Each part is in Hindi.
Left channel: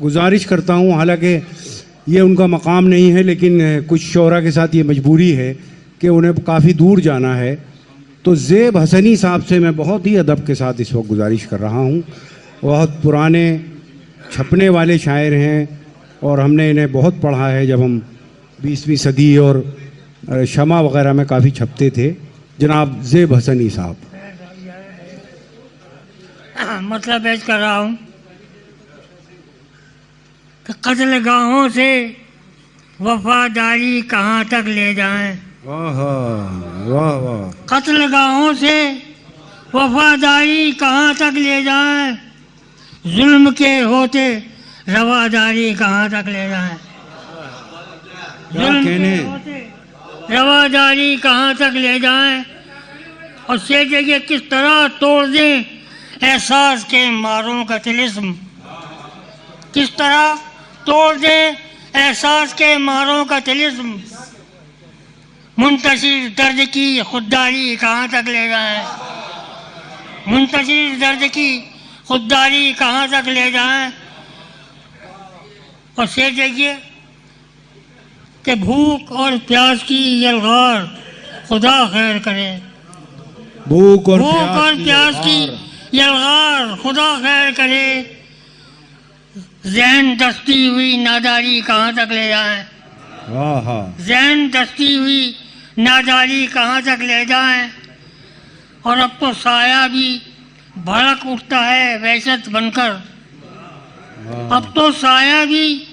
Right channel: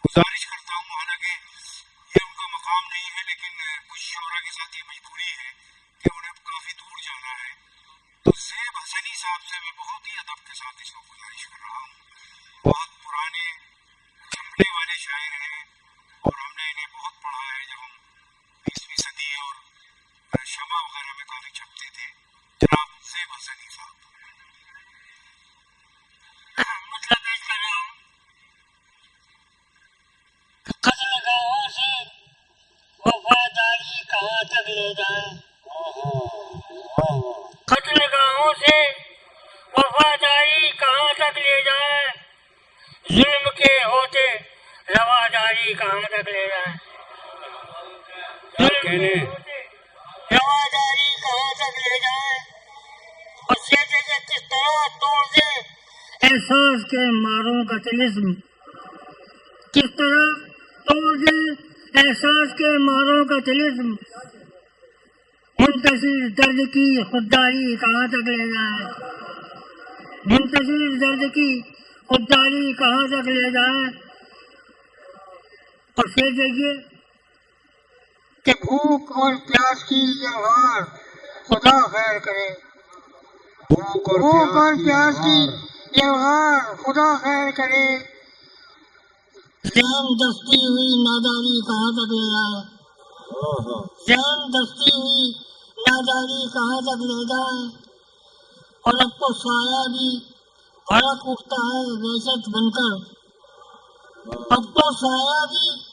गुजारिश करता हूँ, हालांकि ये उनका मकाम नहीं है, लेकिन कुछ शोरा के साथ ये मजबूरी है कि उन्हें काफ़ी दूर जाना है, तो ज़ेब हसनी साहब से मैं बहुत ही अदब के साथ इस वक्त गुजारिश कर रहा हूँ। बहुत पुराने छपने वाले शायर हैं और हमने इन्हें बहुत पढ़ा है जब हम 20वीं सदी और शमा वगैरह में काफ़ी छपते थे। जनाब ज़ेब हसनी साहब। मतलब पेश कर रहा हूँ कि कत्ल गाहों से वफादारी कहाँ तक ले जाएं। वाह वाह वाह। कत्ल गाहों से वफादारी कहाँ तक ले जाएं, जुल्म के होते रवादारी कहाँ तक ले जाएं। जुल्म के होते रवादारी कहाँ तक ले जाएं, और से जगह किस तरह तोड़ दें एहसास के मारों का तिलिस्म। किस तरह तोड़ दें एहसास के मारों का तिलिस्म। मुंतशिर दर्द की खुददारी कहाँ तक ले जाएं। मुंतशिर दर्द की खुददारी कहाँ तक ले जाएं, और से जगह कि भूख और प्यास की यलगार खुदा खैर करे। भूख और प्यास की यलगार खुदा खैर करे। ज़हन दस्ती हुई नादारी कहाँ तक ले जाएं। ज़हन दस्ती हुई नादारी कहाँ तक ले जाएं, और अब तो साया भी भड़क उठता है वहशत बनकर। अब तो साया भी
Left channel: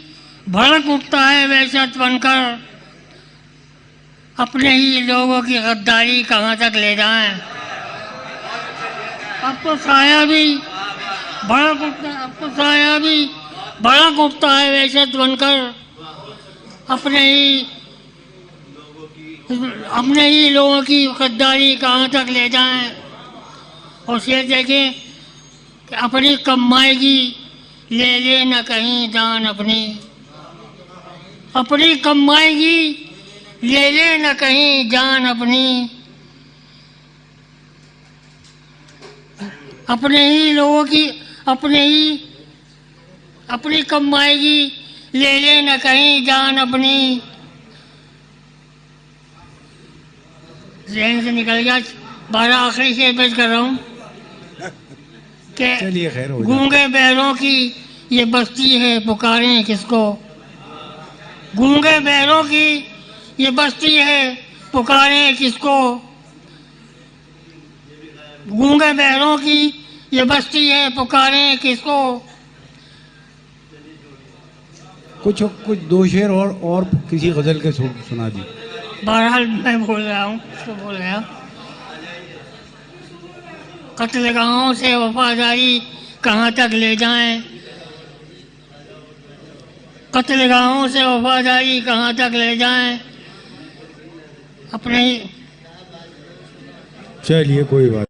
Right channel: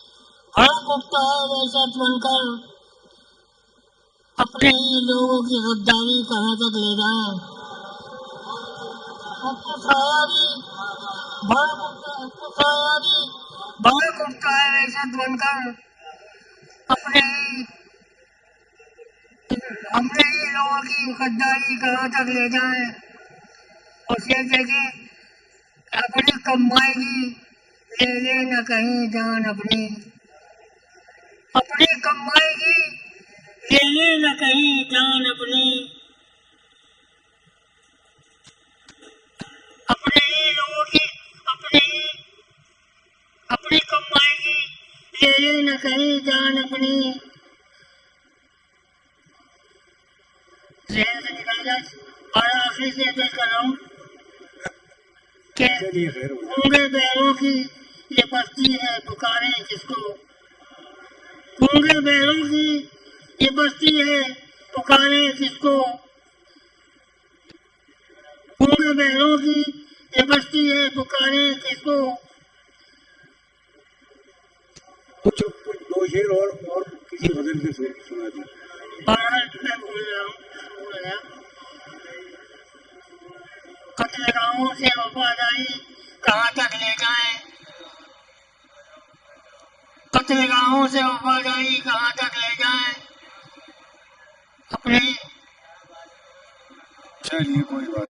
भड़क उठता है वहशत बनकर। अपने ही लोगों की गद्दारी कहाँ तक ले जाएं। अब तो साया भी भड़क उठता है, अब तो साया भी भड़क उठता है वहशत बनकर। अपने ही लोगों की गद्दारी कहाँ तक ले जाएं, और ये देखें कि अपनी कमाएगी ले ले न कहीं जान अपनी। अपनी कमाएगी ले ले न कहीं जान अपनी। अपने ही लोगों की अपनी कमाएगी ले ले न कहीं जान अपनी। ज़हन से निकल गया। 12 आखिरी से पेश कर रहा हूँ कि गूंगे बैरों की ये बस्ती है पुकारें किसको। गूंगे बैरों की ये बस्ती है पुकारें किसको। गूंगे बैरों की ये बस्ती है पुकारें किसको। कुछ दो शेर और किसी गज़ल के सुना दी। बहरहाल मैं बोल रहा हूँ, उसको बोल रहा। कत्ल गाहों से वफादारी कहाँ तक ले जाएं। कत्ल गाहों से वफादारी कहाँ तक ले जाएं। अपने चलिए कोई बात